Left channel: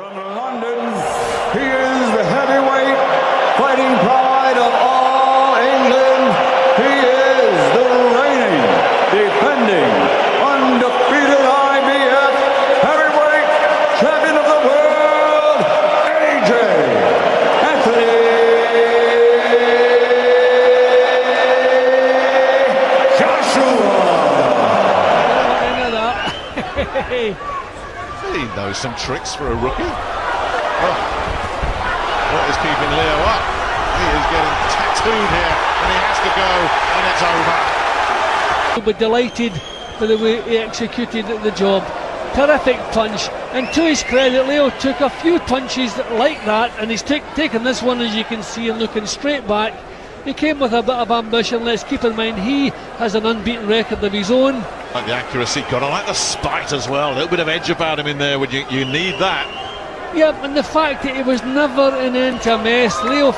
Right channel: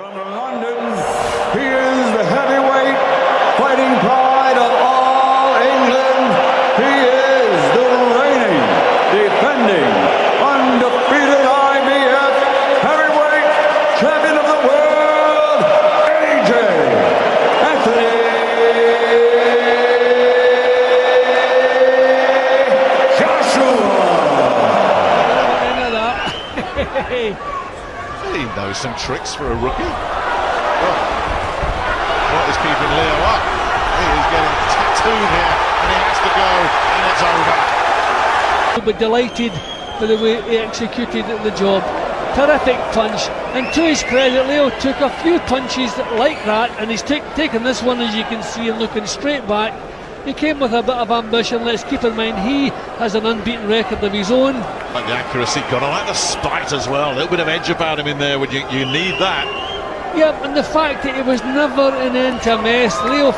From London, he is the heavyweight fighting pride of all England. He is the reigning, defending, undefeated IBF heavyweight champion of the world, AJ Anthony Joshua. He knows some tricks for a rookie. Oh, what is keeping Leo up? He is getting tattooed here, and he has to go, and it's over. We were delighted with the way he executed the job. Terrific punch, and to his credit, Leo took a few punches like that, and he's taken this one, as you can see, and looking straight back. He came with a bit of ambition. Let's keep in mind he has an unbeaten record of his own. Like the accuracy, I like the spite as well. A little bit of edge about him in there. You need that. Yeah, and the fact that he was never into a mess. Leo,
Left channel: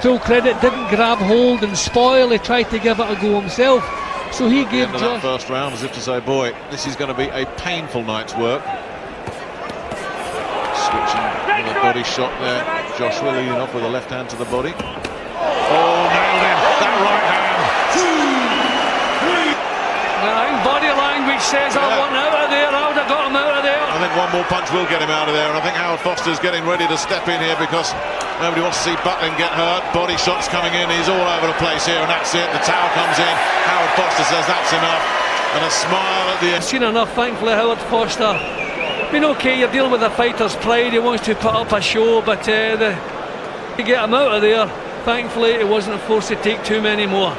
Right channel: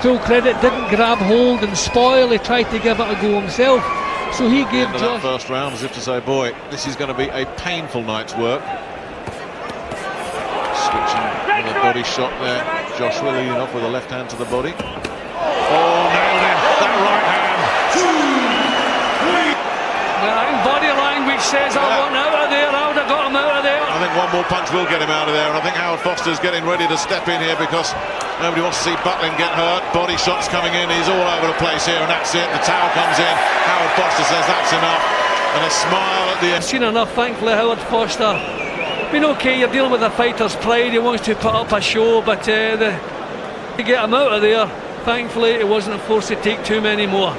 full credit, didn't grab hold and spoil. He tried to give it a go himself. So he gave Josh that first round as if to say, boy, this is going to be a painful night's work. Switching with a body shot there. Joshua leading off with a left hand to the body. Oh, nailed him. That right hand. I think body language says, I want out of there. I would have got him out of there. I think one more punch will get him out of there, and I think Howard Foster's getting ready to step in here because nobody wants to see Butlin get hurt. Body shots coming in. He's all over the place here, and that's it. The towel comes in. Howard Foster says that's enough, and a smile at the end. I've seen enough, thankfully. Howard Foster, I mean, okay, you're dealing with a fighter's pride. He wants to put up a show, but to get him out of there, thankfully, he wasn't forced to take too many more.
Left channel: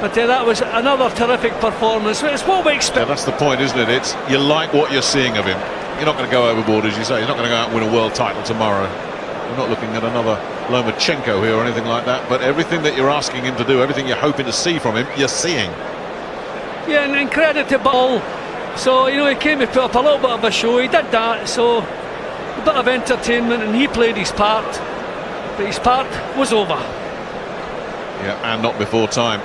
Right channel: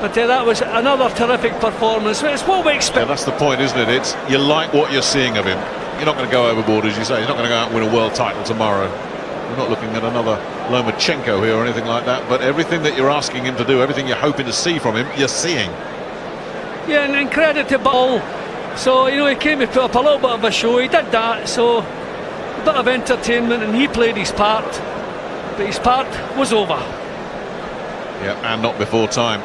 But that was another terrific performance. It's what we expect. Yeah, that's the point, isn't it? It's you like what you're seeing of him. You're not going to go overboard, as you say. You're not going to go out and win a world title tomorrow. We're not looking at another Lomachenko here or anything like that. But everything that you're asking him to do, everything you're hoping to see from him, you're seeing. Yeah, and credit to Ball. So, you know, he came to put up a little bit of a show. He did that, so a bit of entertainment, and he played his part. But his part was over. Yeah, and not before time.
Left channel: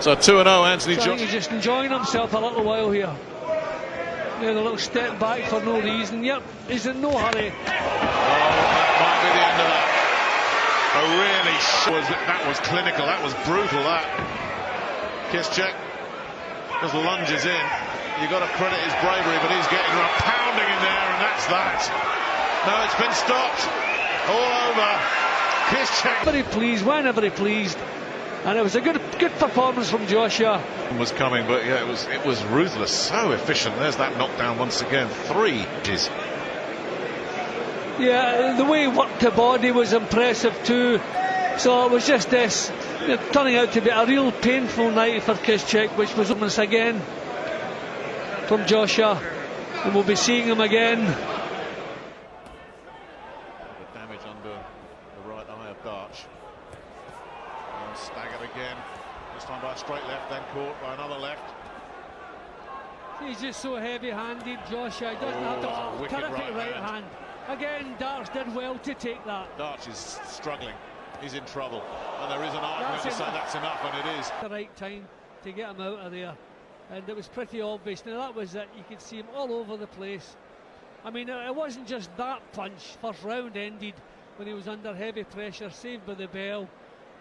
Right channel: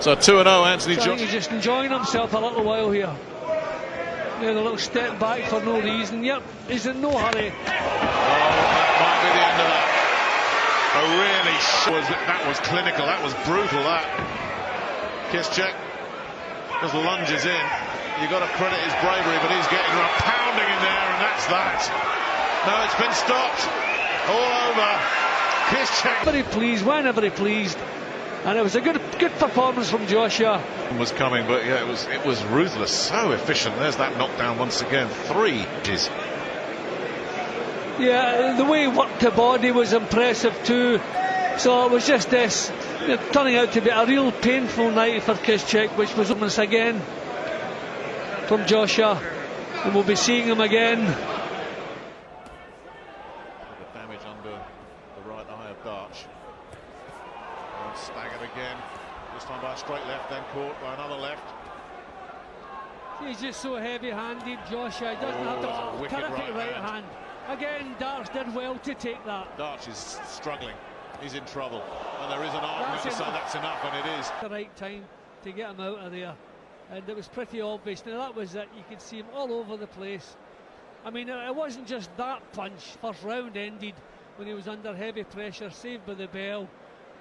So 2-0, Anthony Joshua. He's just enjoying himself a little while here. Yeah, a little step back for no reason. Yep, he's in no hurry. Oh, that might be the end of that. That was clinical. That was brutal. That kiss check. Just lunges in. You got to credit his bravery, but he's getting a pounding in there, and that's that. No, it's been stopped. All over. Kiss check. Very pleased, whenever he pleased. And it was a good performance from Joshua. Was coming, but yeah, it was ruthless, so efficient. There's that knockdown once again. 3. Yeah, the way he worked the body was impressive too. So it was just this, turning out to be a real painful night for Kischek, which was once again from Joshua, and we'll be seeing him again. The damage under the right eye of Darch. Staggered again, this time by a straight left, then caught by another left. He's just so heavy-handed, Joshua. He doesn't have to. Terrific right hand. Again, Darch did well to take that. Darch is struggling. He's in trouble, and there is an argument to say that's enough, and it is. The right time to get him out of there, and it was pretty obvious. Now that was it. You could see him all over the place. I mean, it wasn't just that punch. First round ended when he was under heavy pressure, saved by the bell.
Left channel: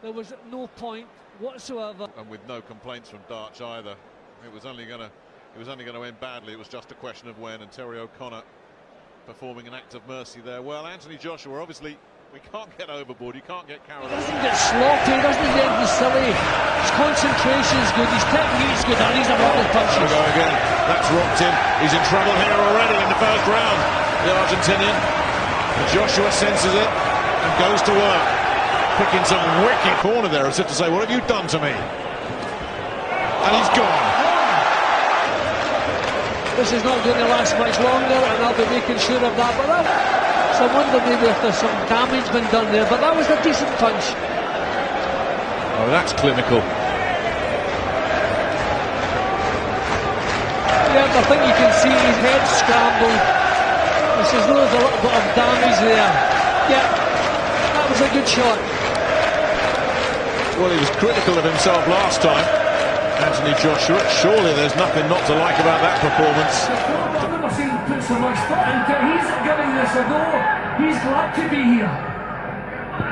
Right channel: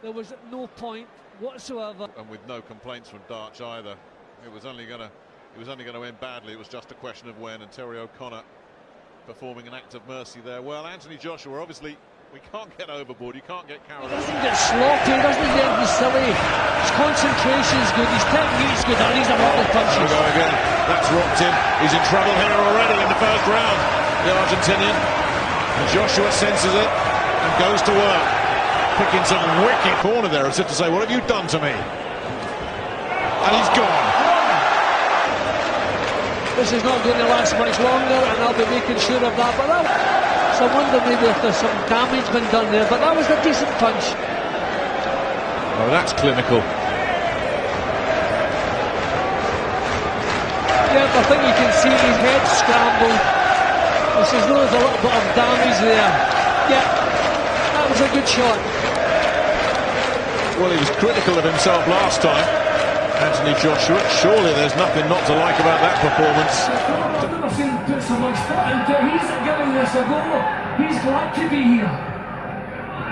There was no point whatsoever, and with no complaints from Darch either. It was only going to end badly. It was just a question of when. And Terry O'Connor performing an act of mercy there. Well, Anthony Joshua, obviously, we can't get overboard. You can't get carried away. He doesn't get sloppy. He doesn't get anything silly. His concentration is good. His technique is good. And he's a lot of punches. Here we go again. That's rocked him. He's in trouble here already in the first round. The Argentinian. And Joshua senses it and goes to work. Picking some wicked corner there, as if to say, what have you done to me? And he's gone. This is not going to last much longer, and I'll be making sure of that. But I wonder maybe if there's some damage been done there. But that was a decent punch. Oh, that's clinical. Yeah, I think you can see his head scrambled. This is there's a little bit of damage there. Yeah, that was a good shot. Well, he was critical of himself last time, Anthony Joshua. Surely there's nothing not to like about that performance. put so much thought into it. He's giving this a go. He's glad to be here.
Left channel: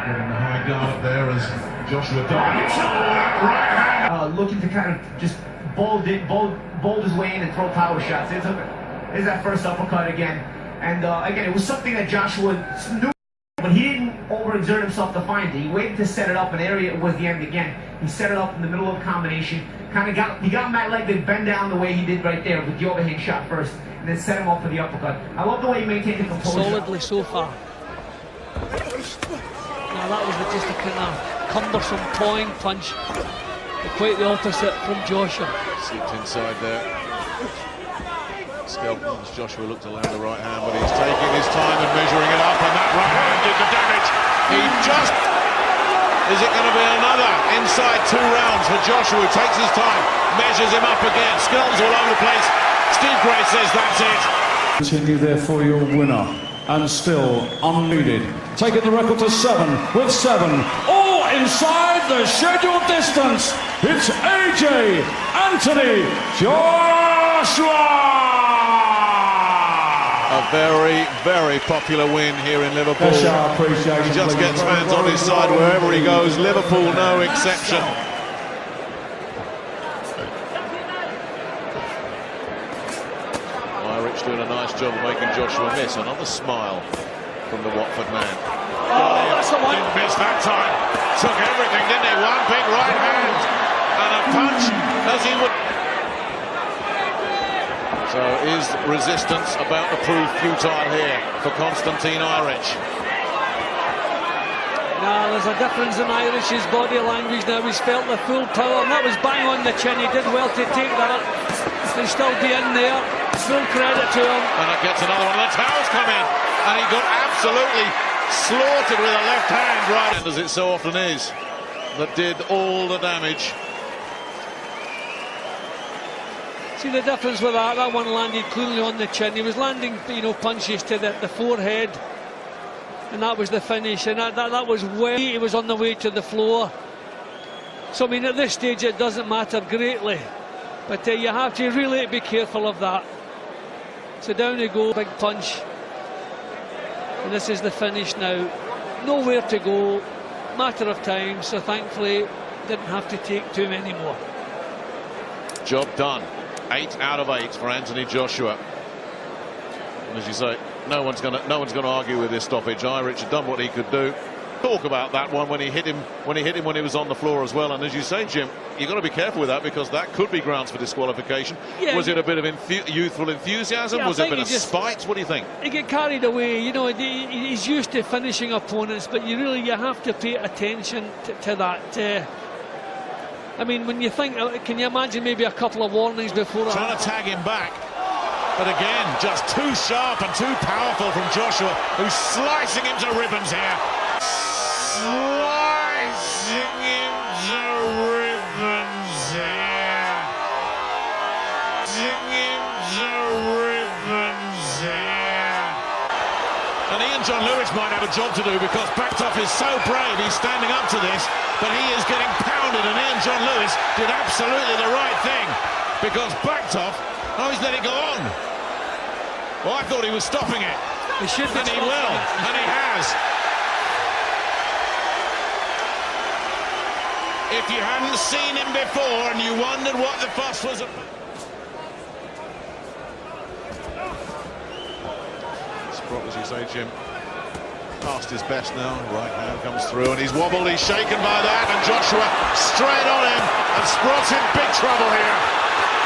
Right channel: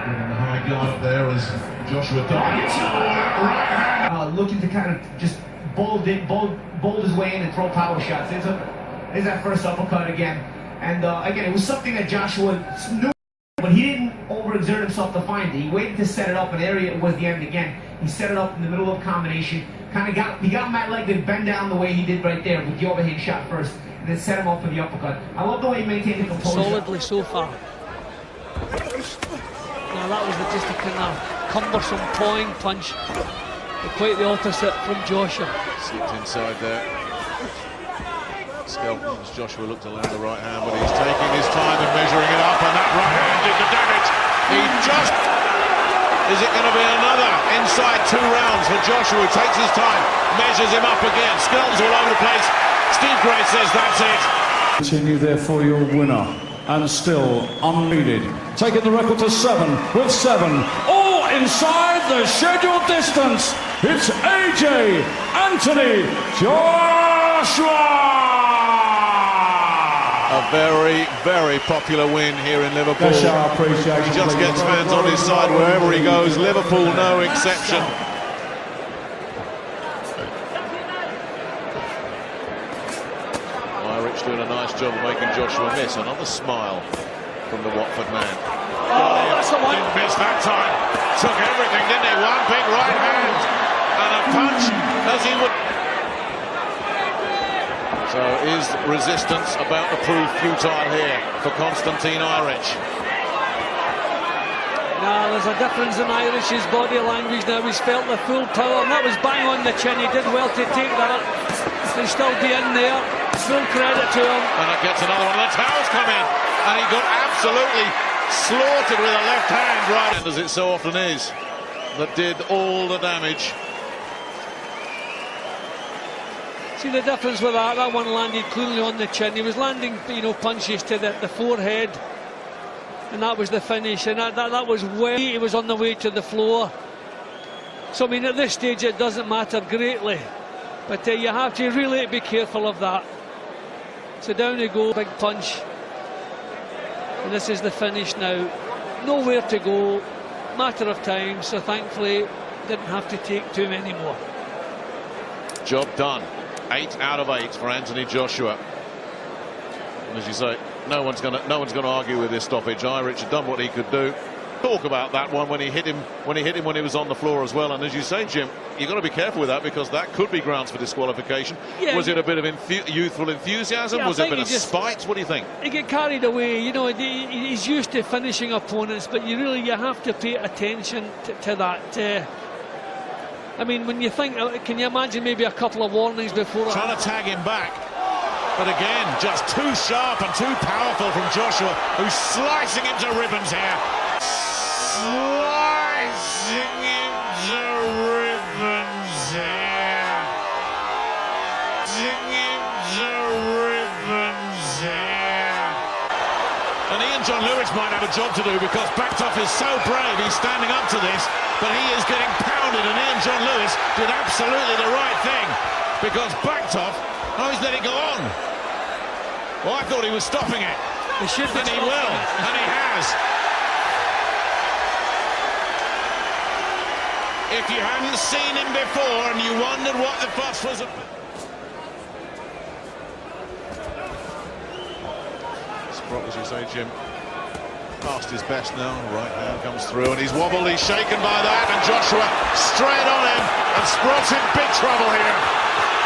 Getting the high guard up there as Joshua dives. Right. Looking to kind of just bold his way in and throw power shots. There's that first uppercut again. And again, it was something that Joshua knew, but he didn't overexert himself to find it. He waited to set it up, and there it was the end again. He set it up in the middle of a combination. He got him that leg to bend down the way he did right there with the overhand shot first, and then set him up for the uppercut. I love the way he maintained the composure. Solidly so far. Now that was just a kind of cumbersome pawing punch. Quite the opposite from Joshua. Seeped inside there. Skelton's Joshua looked to land the right hand, but he's taking his time and measuring it up, and that right hand did the damage. He just... Is it going to be another inside 2 rounds for Joshua, who takes his time, measures him up again. Skelton's all over the place. Steve Gray says that's it. Continue therefore your winner, and still unneeded, taking the record to 7 with 7, all inside the scheduled distance. It's AJ Anthony Joshua. A very, very popular win here in Liverpool. That's our appreciation. He just gets fans on his side wherever he goes. Liverpool, no exception. Irish doing a nice job of making Joshua miss. Another smile from the Watford man. Oh, that's the one. Didn't miss that time. Took everything, didn't he? One big right hand and a punch as he would. So is resistance about to prove futile here for Constantine Irish? Now there's a difference in Irish's body language now. He's felt the full power, and that was bang on the chin. He did well to take that and still be in there. Full credit to him. And it gets another one. The towels come in, and he got absolutely slaughtered with a left hand, right, as it so often is, that did all the damage. See the difference with that? That one landed clearly on the chin. He was landing, punches to the forehead, and that was the finish. And that was where he was on the way to the floor. So I mean, at this stage, it doesn't matter greatly, but you have to really be careful of that. So down you go, big punch, and this is the finish now. Nowhere to go, matter of time. So thankfully, didn't have to take too many more. Job done. 8 out of 8 for Anthony Joshua. And as you say, no one's going to argue with this stoppage. Irish had done what he could do. Talk about that one when he hit him when he was on the floor as well. And as you say, Jim, you've got to be careful with that, because that could be grounds for disqualification. Yeah, was it a bit of youthful enthusiasm? Yeah, was it a bit of spite? What do you think? He get carried away. He's used to finishing opponents, but you have to pay attention to that. I mean, when you think, can you imagine maybe a couple of warnings before? Trying to tag him back, but again, just too sharp and too powerful from Joshua, who's slicing him to ribbons here. Slicing him to ribbons here. Slicing him to ribbons here. And John Lewis might have a job to do, because Backtoff is so brave. He's standing up to this, but he is getting pounded, and John Lewis did absolutely the right thing, because Backtoff, he's let it go on. Well, I thought he was stopping it. He should, and he will, and he has. If you hadn't seen him before and you wondered what the fuss was about. Sprott, as you say, Jim, past his best now. Right hand comes through, and he's wobbled, he's shaken by that, and Joshua straight on him, and Sprott's in big trouble here.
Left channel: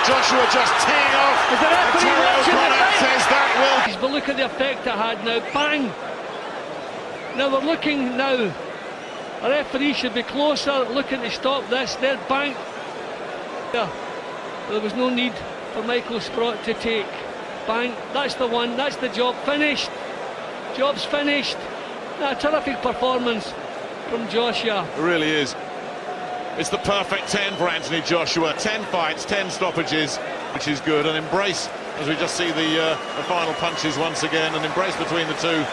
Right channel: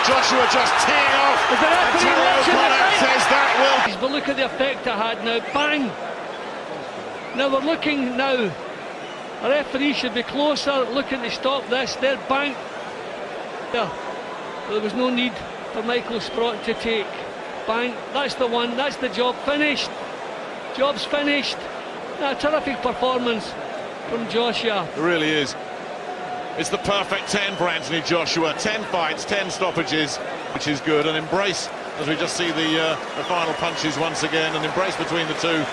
Joshua just teeing off. Says that will. But look at the effect it had now. Bang! Now we're looking now. A referee should be closer, looking to stop this. There, bang! Yeah. There was no need for Michael Sprott to take. Bang! That's the one. That's the job finished. Job's finished. A terrific performance from Joshua. It really is. It's the perfect 10 for Anthony Joshua. 10 fights, 10 stoppages, which is good. An embrace, as we just see the final punches once again. An embrace between the two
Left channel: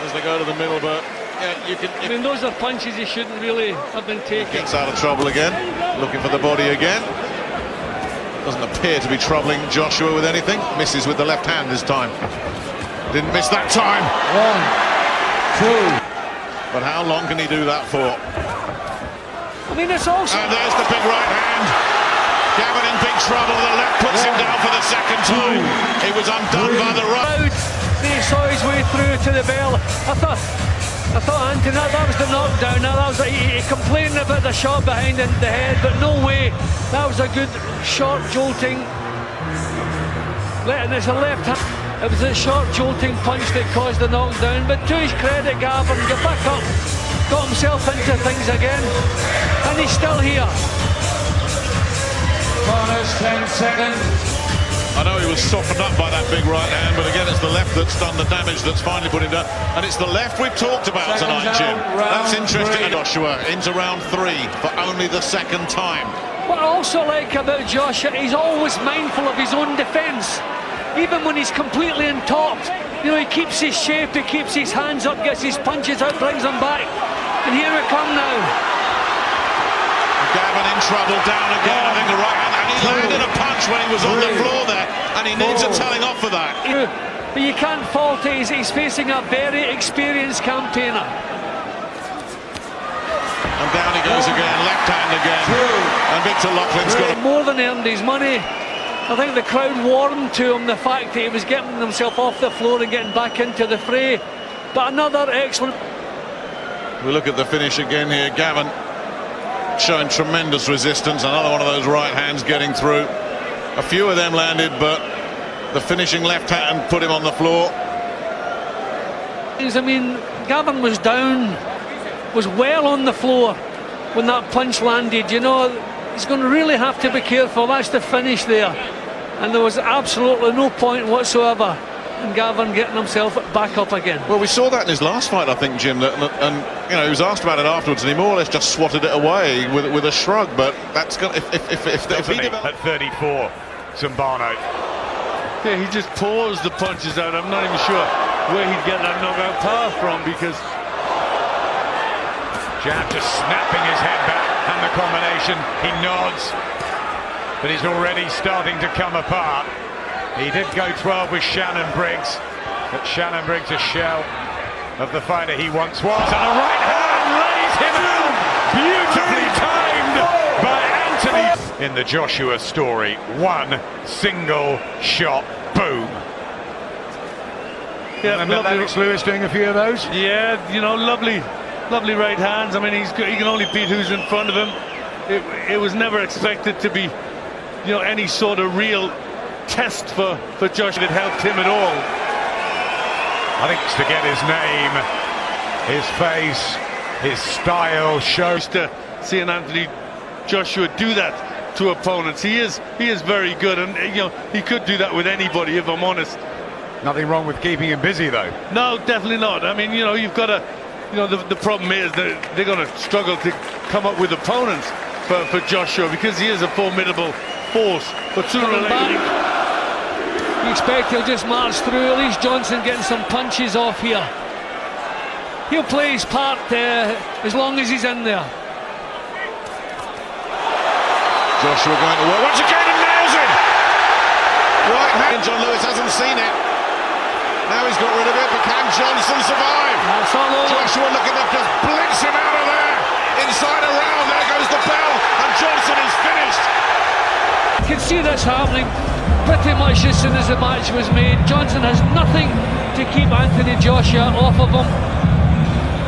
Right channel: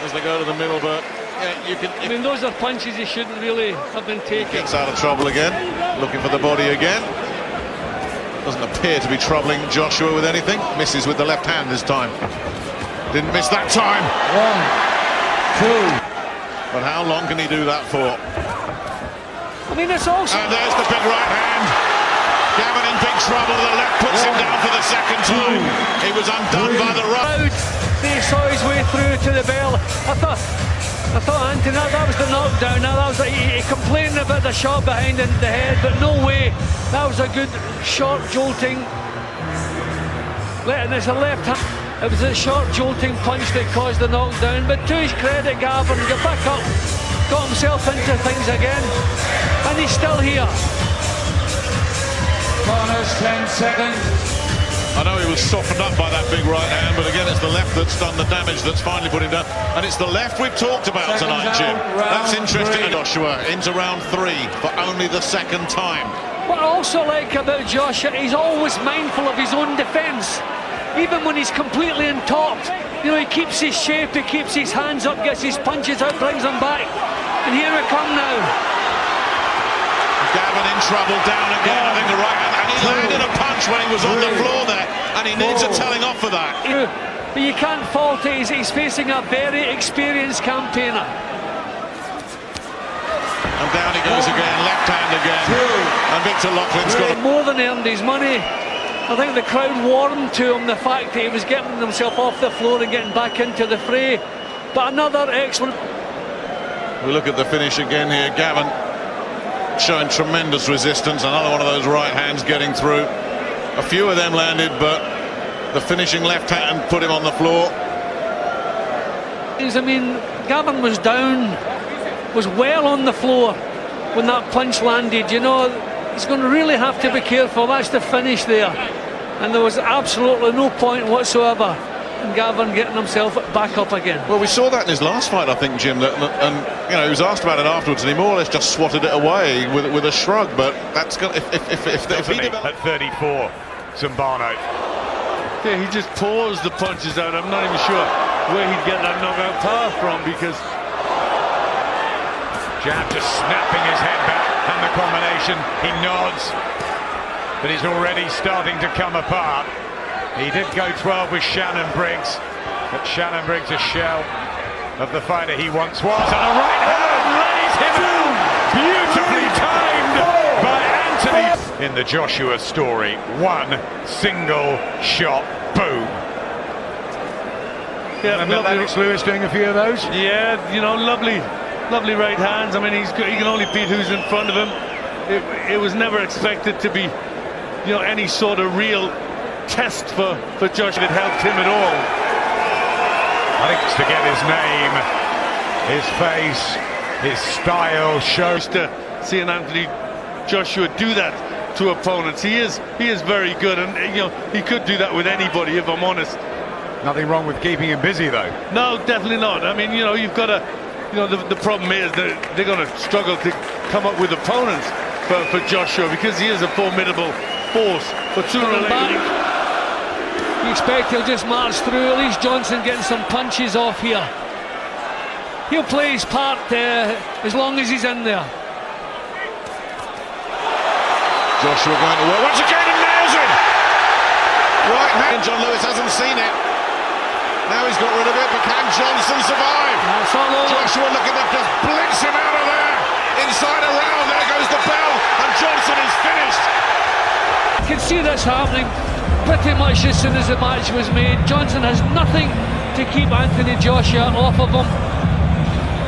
as they go to the middle. But yeah, you can. I mean, those are punches he shouldn't really have been taking. Gets out of trouble again, looking for the body again. Doesn't appear to be troubling Joshua with anything. Misses with the left hand this time. Didn't miss that time. 1, 2. But how long can he do that for? I mean, it's also... And there's the big right hand. Gavin in big trouble. The left puts him down for the second time. He was undone by the right. He saw his way through to the bell. I thought Anthony, that was the knockdown. That was he complained about the shot behind the head, but no way. That was a good short jolting. And it's a left hand. It was a short jolting punch that caused the knockdown. But to his credit, Gavin got back up, got himself into things again, and he's still here. Bonus 10 seconds. I know he was softened up by that big right hand, but again, it's the left that's done the damage that's finally put him down. And it's the left we've talked about tonight, Jim. That's interesting. Joshua into round 3 for only the second time. What I also like about Joshua, he's always mindful of his own defence. Even when he's completely on top, you know, he keeps his shape, he keeps his hands up, gets his punches out, brings them back. And here we come now. Gavin in trouble, down again, I think the right hand, and he landed a punch when he was on the floor there, and he needs a telling off for that. But you can't fault it, he's facing a very experienced campaigner. And down he goes again, left hand again, and Victor Loughlin's got a... More than earned his money. I think the crowd warmed to him the fact that he was getting himself off the floor and getting back into the fray. But another excellent... We look at the finish again here, Gavin showing tremendous resistance, another one of those right hands getting through. A few of them landed, but the finishing left hand put him on the floor. I mean, Gavin was down, was well on the floor when that punch landed. You know, he's going to really have to be careful. That's the finish there, and there was absolutely no point whatsoever in Gavin getting himself back up again. Well, we saw that in his last fight, I think, Jim, and you know, he was asked about it afterwards, and he more or less just swatted it away with a shrug. But that's going if he develops... At 34, Zambano. Yeah, he just pours the punches out. I'm not even sure where he'd get that knockout power from, because Jab just snapping his head back, and the combination, he nods, but he's already starting to come apart. He did go 12 with Shannon Briggs, but Shannon Briggs a shell of the fighter he once was, and a right hand lays him out, beautifully timed by Anthony. In the Joshua story, one single shot, boom. yeah, Remember Lennox Lewis doing a few of those? Yeah, you know, lovely right hands. I mean, he can only beat who's in front of him. It was never expected to be, you know, any sort of real test for Josh that helped him at all. I think it's to get his name, his face, his style shows. To seeing Anthony Joshua do that to opponents, he is very good, and you know, he could do that with anybody, if I'm honest. Nothing wrong with keeping him busy, though. No, definitely not. I mean, you know, you've got to, you know, the problem is that they're going to struggle to come up with opponents for Joshua, because he is a formidable force. But sooner or later, You expect he'll just march through. At least Johnson getting some punches off here. He'll play his part as long as he's in there. Joshua going to work once again and nails him. Right hand, John Lewis hasn't seen it. Now he's got rid of it, but can Johnson survive? That's all over. Joshua looking to just blitz him out of there. Inside a round, there goes the bell, and Johnson is finished. You can see this happening pretty much as soon as the match was made. Johnson has nothing to keep Anthony Joshua off of him.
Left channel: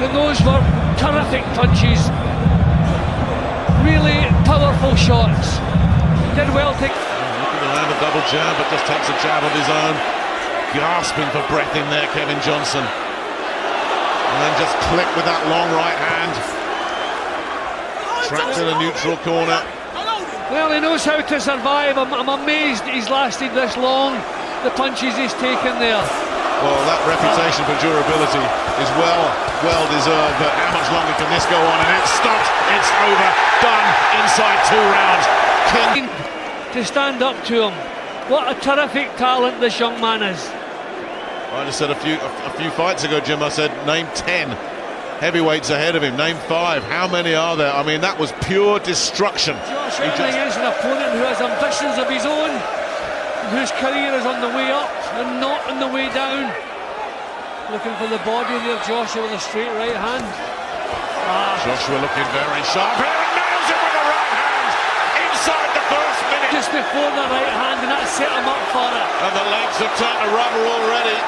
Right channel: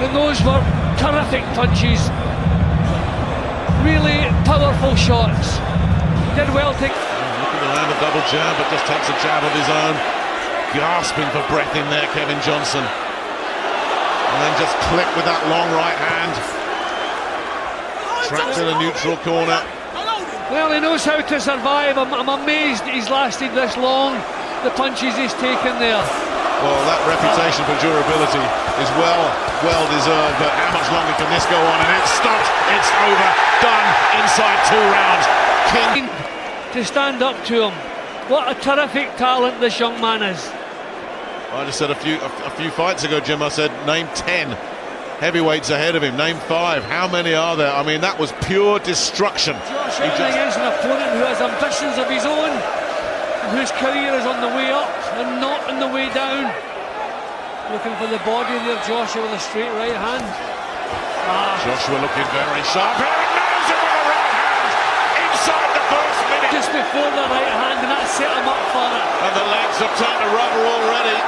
And those were terrific punches. Really powerful shots. Did well to... Looking to land a double jab, but just takes a jab of his own. Gasping for breath in there, Kevin Johnson. And then just click with that long right hand. Trapped in a neutral corner. Well, he knows how to survive. I'm amazed he's lasted this long. The punches he's taken there. Well, that reputation for durability is well deserved, but how much longer can this go on? And it's stopped, it's over, done, inside 2 rounds. King to stand up to him. What a terrific talent this young man is. I just said a few fights ago, Jim, I said name 10 heavyweights ahead of him. Name 5. How many are there? I mean, that was pure destruction. Josh Ewing is an opponent who has ambitions of his own, whose career is on the way up and not on the way down. Looking for the body there, Joshua with a straight right hand. Joshua looking very sharp here and nails him with the right hand inside the first minute. Just before the right hand, and that set him up for it. And the legs have turned to rubber already.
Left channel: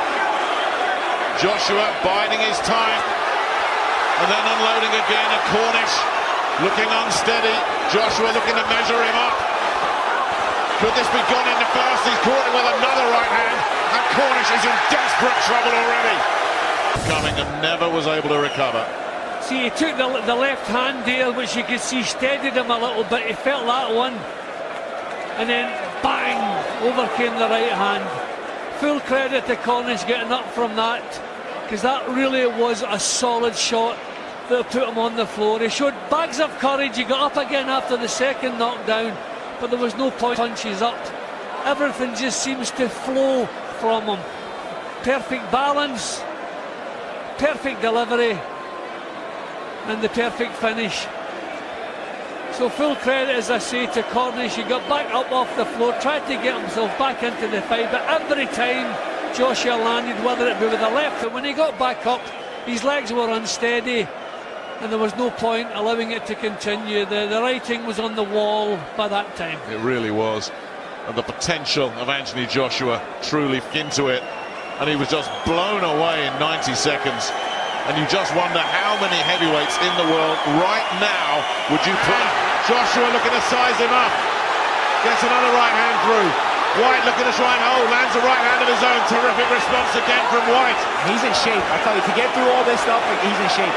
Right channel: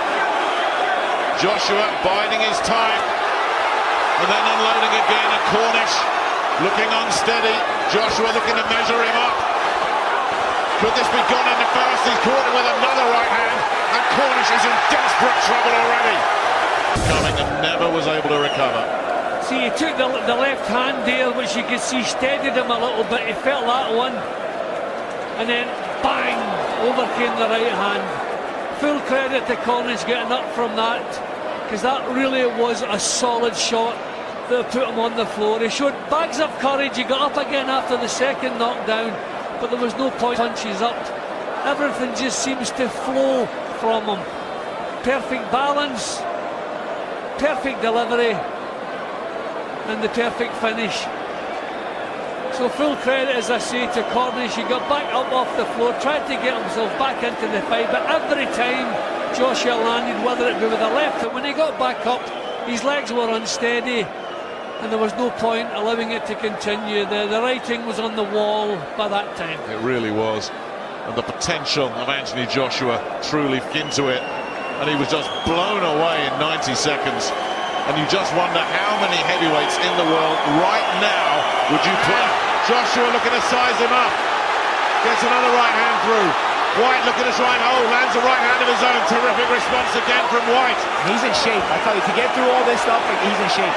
Joshua biding his time and then unloading again at Cornish, looking unsteady. Joshua looking to measure him up. Could this be gone in the first? He's caught him with another right hand, and Cornish is in desperate trouble already. Coming and never was able to recover. See, he took the left hand there, which you could see steadied him a little bit. He felt that one, and then bang, over came the right hand. Full credit to Cornish getting up from that, because that really was a solid shot that put him on the floor. He showed bags of courage. He got up again after the second knockdown, but there was no punches up. Everything just seems to flow from him. Perfect balance, perfect delivery, and the perfect finish. So full credit, as I say, to Cornish. He got back up off the floor, tried to get himself back into the fight, but every time Joshua landed, whether it be with the left, but when he got back up, his legs were unsteady, and there was no point allowing it to continue. The writing was on the wall by that time. It really was. And the potential of Anthony Joshua truly into it. And he was just blown away in 90 seconds. And you just wonder how many heavyweights in the world right now would you put. Joshua looking to size him up. Gets another right hand through. White looking to try and hold. Lands a right hand of his own. Terrific response again from White. He's in shape. I tell you, to get through all this stuff, he's in shape.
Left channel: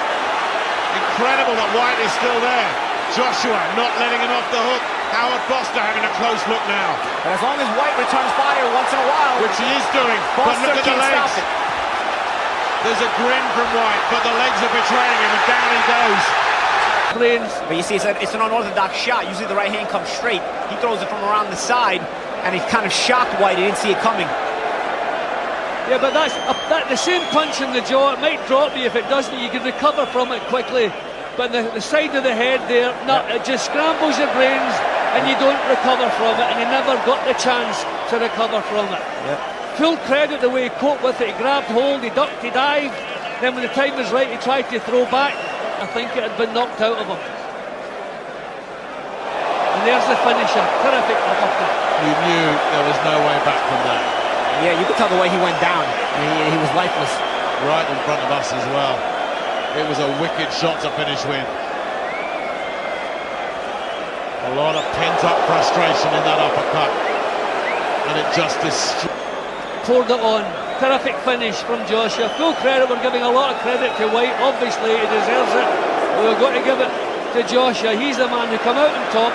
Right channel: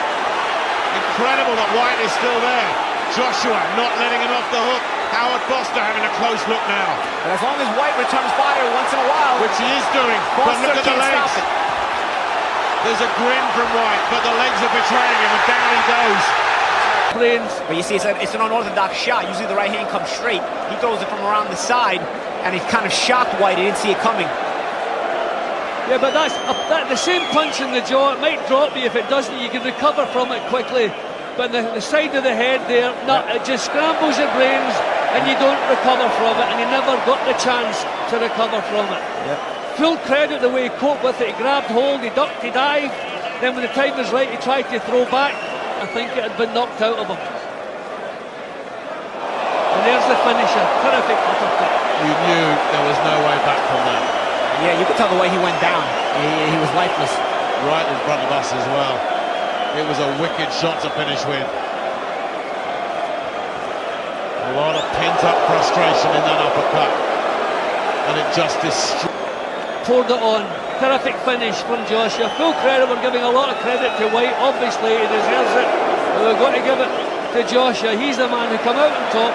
Incredible that White is still there. Joshua not letting him off the hook. Howard Foster having a close look now. But as long as White returns fire once in a while, which he is doing, but look at the legs. There's a grin from White, but the legs are betraying him, and down he goes. But you see, it's an unorthodox shot. Usually the right hand comes straight. He throws it from around the side, and he kind of shocked White. He didn't see it coming. Yeah, but that's the same punch in the jaw. It might drop you. If it doesn't, you can recover from it quickly. But the side of the head there, it just scrambles your brains, and you don't recover from it, and he never got the chance to recover from it. Full credit the way he coped with it. He grabbed hold, he ducked, he dived, then when the time was right he tried to throw back. I think it had been knocked out of him. And there's the finisher. Terrific uppercut. You knew there was no way back from that. Yeah, you could tell the way he went down. He was lifeless. Right in front of us as well. It was a wicked shot to finish with. A lot of pent-up frustration in that uppercut. And it just poured it on. Terrific finish from Joshua. Full credit. We're giving a lot of credit to White. Obviously he deserves it, but we've got to give it to Joshua. He's the man who came out on top,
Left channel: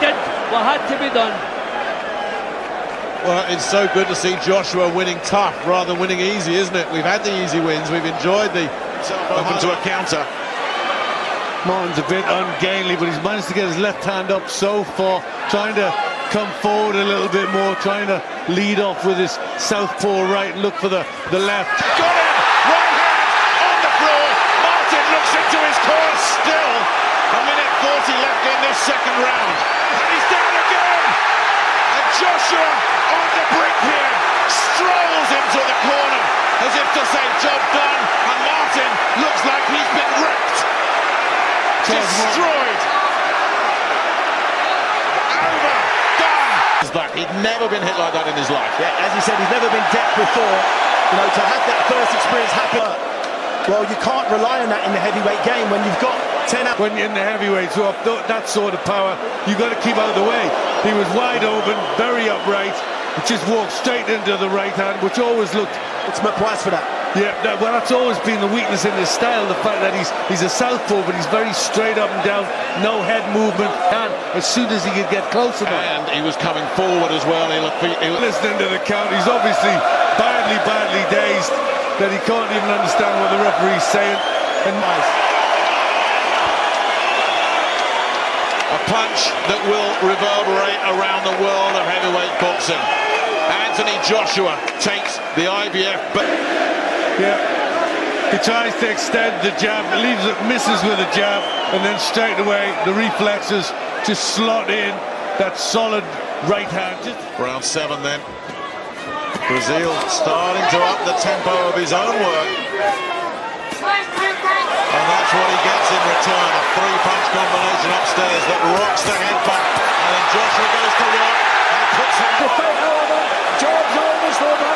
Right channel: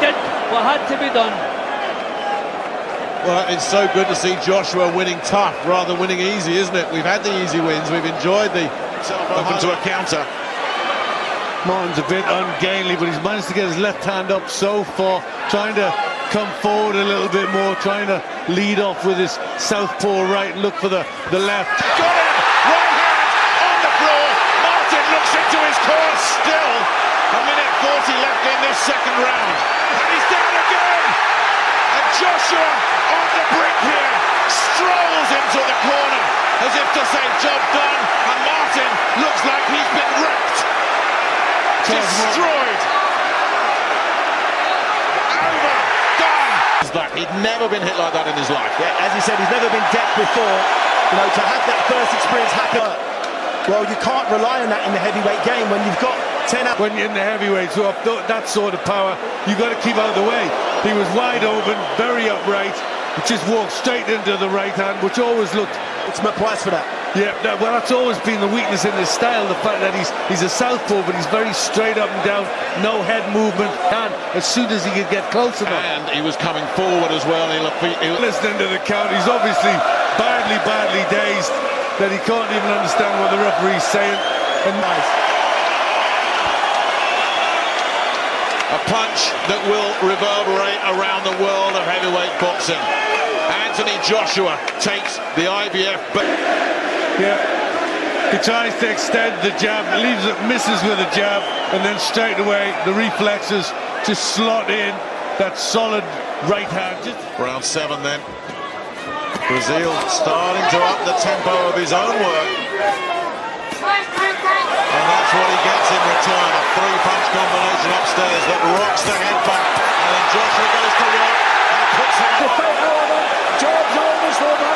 did what had to be done. Well, it's so good to see Joshua winning tough rather than winning easy, isn't it? We've had the easy wins, we've enjoyed the open to a counter. Martin's a bit ungainly, but he's managed to get his left hand up so far, trying to come forward a little bit more, trying to lead off with his southpaw right and look for the left. Got him! Right hand on the floor. Martin looks into his corner still. A minute 40 left in this second round. And he's down again! And Joshua on the brink here strolls into the corner as if to say job done. And Martin looks like he's been wrecked. Destroyed. Over. Done. Back. He'd never been hit like that in his life. Yeah, as he said, he's never been decked before. You know, to have that first experience happen. Well, you can't rely on that in the heavyweight game when you've got 10 out. When you're in the heavyweights, that sort of power, you've got to keep out of the way. He was wide open, very upright. He just walked straight into the right hand, which always looked... Ultimate price for that. Yeah, well, that's always been the weakness in his style, the fact that he's a southpaw, but he's very straight up and down, no head movement, and as soon as he could get close enough. And he was coming forward as well. He looked listening to the count, he's obviously badly dazed, that he can't even understand what the referee's saying. And a punch that will reverberate around the world of heavyweight boxing. Anthony Joshua takes the IBF. Yeah. He tries to extend the jab, leaves it, misses with a jab, and then straight away the reflexes just slot in that solid right hand. Round 7 then. Brazil starting to up the tempo of his own work. And that's what he gets in return, a 3-punch combination upstairs that rocks the head back. And then Joshua goes to work and puts him... The fight over. Job's almost over.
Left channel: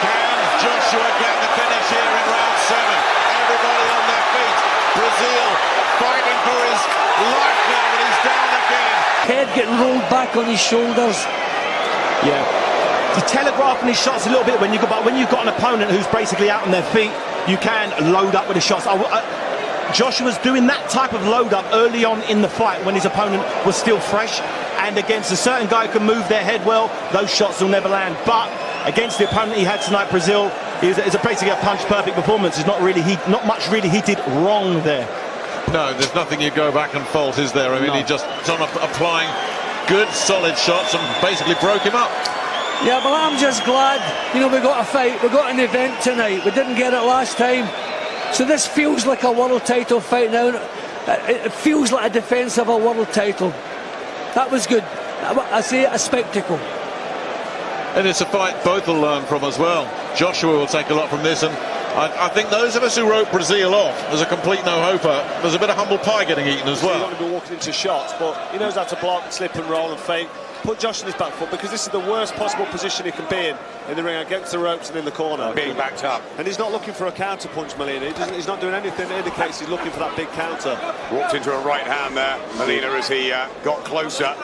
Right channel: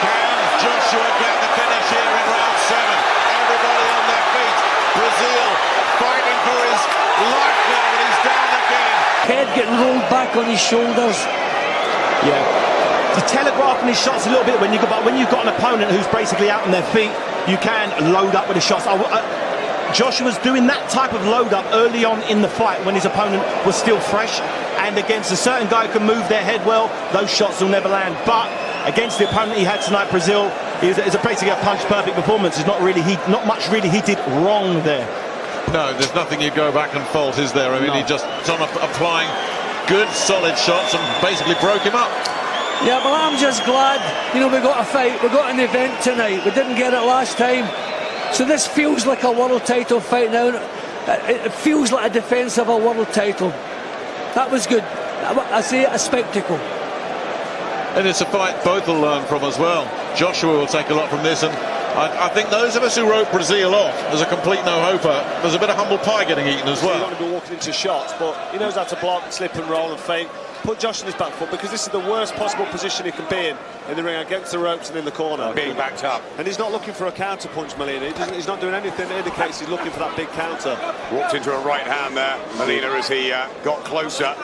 Can Joshua get the finish here in round 7? Everybody on their feet. Brazil fighting for his life now, but he's down again. Head getting rolled back on his shoulders. Yeah. He's telegraphing his shots a little bit when you've got an opponent who's basically out on their feet. You can load up with the shots. Joshua's doing that type of load up early on in the fight when his opponent was still fresh, and against a certain guy who can move their head well, those shots will never land. But against the opponent he had tonight, Brazil, is basically a punch-perfect performance. It's not much he did wrong there. No, there's nothing you go back and fault, is there? I mean, he just on applying good, solid shots and basically broke him up. Yeah, but I'm just glad, we got a fight, we got an event tonight. We didn't get it last time. So this feels like a world title fight now. It feels like a defence of a world title. That was good. I say a spectacle. And it's a fight both will learn from as well. Joshua will take a lot from this, and I think those of us who wrote Brazil off as a complete no-hoper, there's a bit of humble pie getting eaten as well. He's not going to be walking into shots, but he knows how to block, slip and roll and feint. Put Josh in his back foot, because this is the worst possible position he can be in the ring, against the ropes and in the corner. Being backed up. And he's not looking for a counter punch, Molina. He's not doing anything that indicates he's looking for that big counter. Walked into a right hand there, Molina, as he got closer.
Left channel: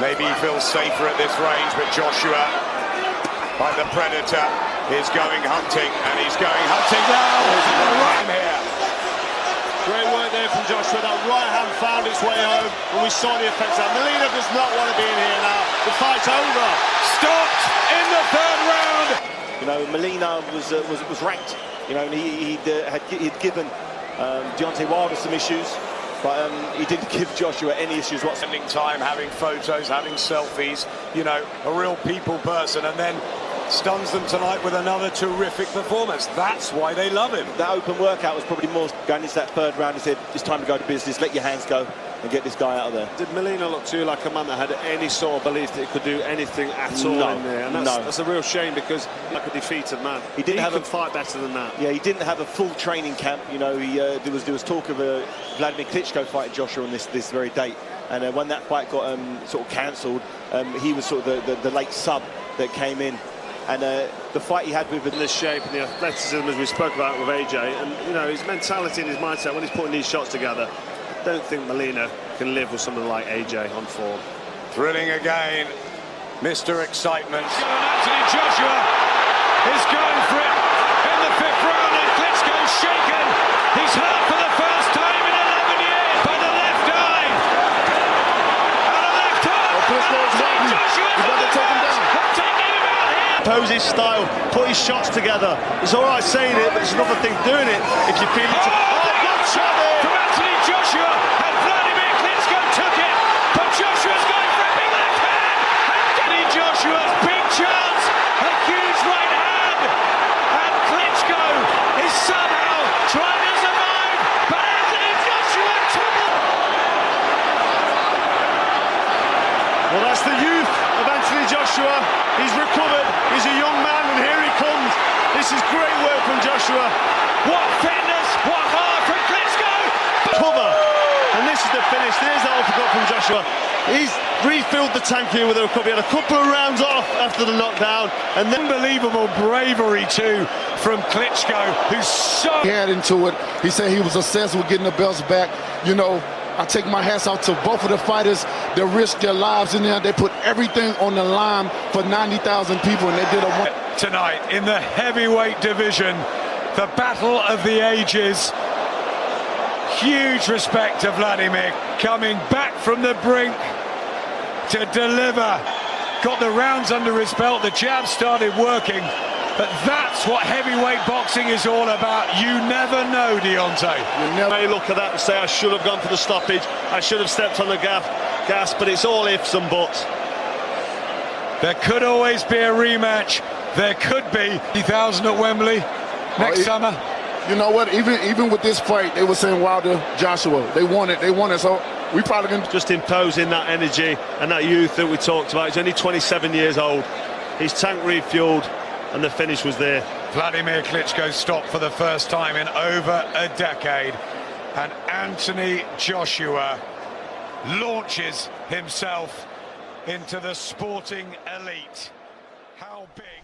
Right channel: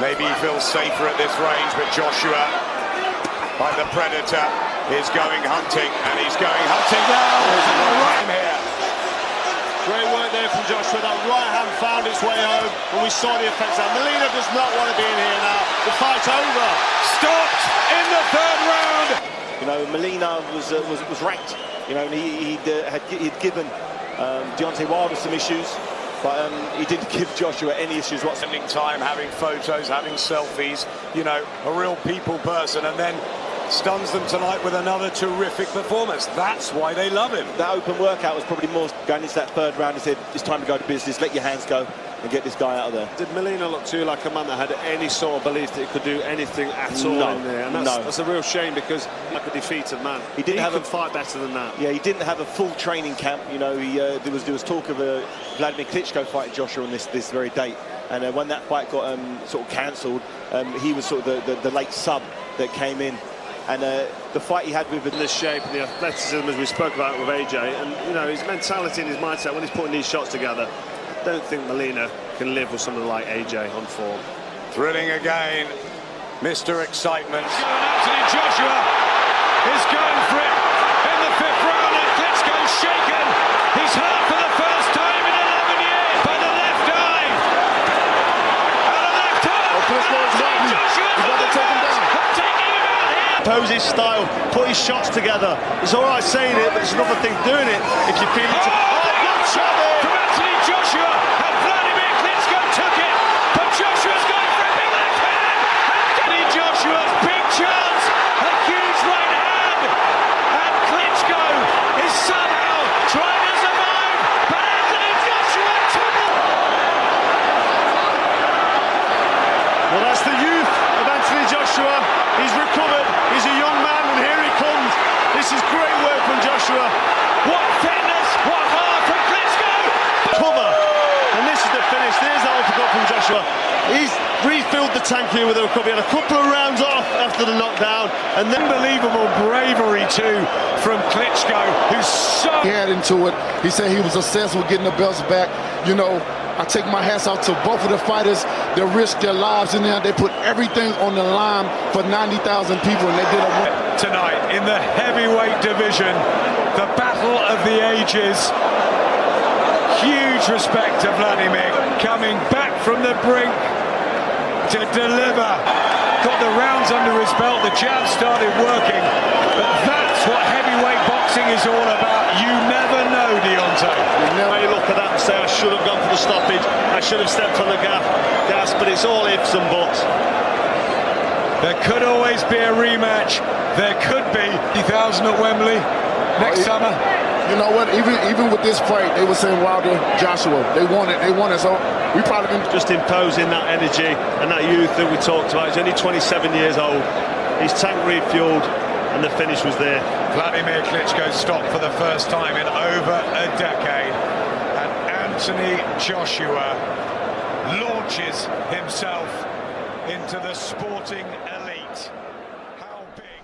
Maybe he feels safer at this range, but Joshua, like the Predator, is going hunting, and he's going hunting now. Right here. Great work there from Joshua. That right hand found its way home, and we saw the effects of that. Molina does not want to be in here now. The fight's over. Stopped in the 3rd round. Molina was ranked. And he'd given Deontay Wilder some issues, but he didn't give Joshua any issues whatsoever. Spending time having photos, having selfies, a real people person, and then stuns them tonight with another terrific performance. That's why they love him. That open workout was probably more going into that 3rd round. He said, it's time to go to business, let your hands go and get this guy out of there. Did Molina look to you like a man that had any sort of belief that he could do anything at all in there? And that's a real shame, because like a defeated man. He could fight better than that. Yeah, he didn't have a full training camp. There was talk of Vladimir Klitschko fighting Joshua on this very date. And when that fight got sort of cancelled, he was sort of the late sub that came in. And the fight he had with the shape and the athleticism, as we spoke about with AJ, and his mentality and his mindset when he's putting these shots together, I don't think Molina can live with someone like AJ on form. Thrilling again, Mr. Excitement. Anthony Joshua is going for it in the 5th round, and Klitschko's shaken. He's hurt for the first time in 11 years by the left eye. And a left hook. Pose his style, put his shots together. It's all right saying it, but it's another thing doing it. If you feel it, good shot there from Anthony Joshua, and Vladimir Klitschko took it, but Joshua's going for a big left hand. Anthony Joshua's big chance, a huge right hand, and Klitschko is somehow trying to survive, but Anthony Joshua took it. Well, that's the youth of Anthony Joshua. He's recovered, he's a young man, and here he comes. This is great work from Joshua. What fitness, what heart from Klitschko! Cover, and this is the finish. There's that uppercut from Joshua. He's refilled the tank here with a recovery. He had a couple of rounds off after the knockdown, and then unbelievable bravery too from Klitschko, who's so... He had into it. He said he was obsessed with getting the belts back. I take my hats off to both of the fighters. They risked their lives in there. They put everything on the line for 90,000 people, and they did a... Tonight, in the heavyweight division, the battle of the ages. Huge respect to Vladimir, coming back from the brink to deliver. Got the rounds under his belt, the jab started working. But that's what heavyweight boxing is all about. You never know, Deontay. You never may look at that and say, I should have gone for the stoppage, I should have stepped on the gas, but it's all ifs and buts. There could always be a rematch. There could be 30,000 at Wembley next summer. you know what? Even with this fight, they were saying Wilder, Joshua. They won it. So we probably can just imposing that energy and that youth that we talked about. He's only 27 years old. His tank refueled, and the finish was there. Vladimir Klitschko stopped for the first time in over a decade, and Anthony Joshua launches himself into the sporting elite. How big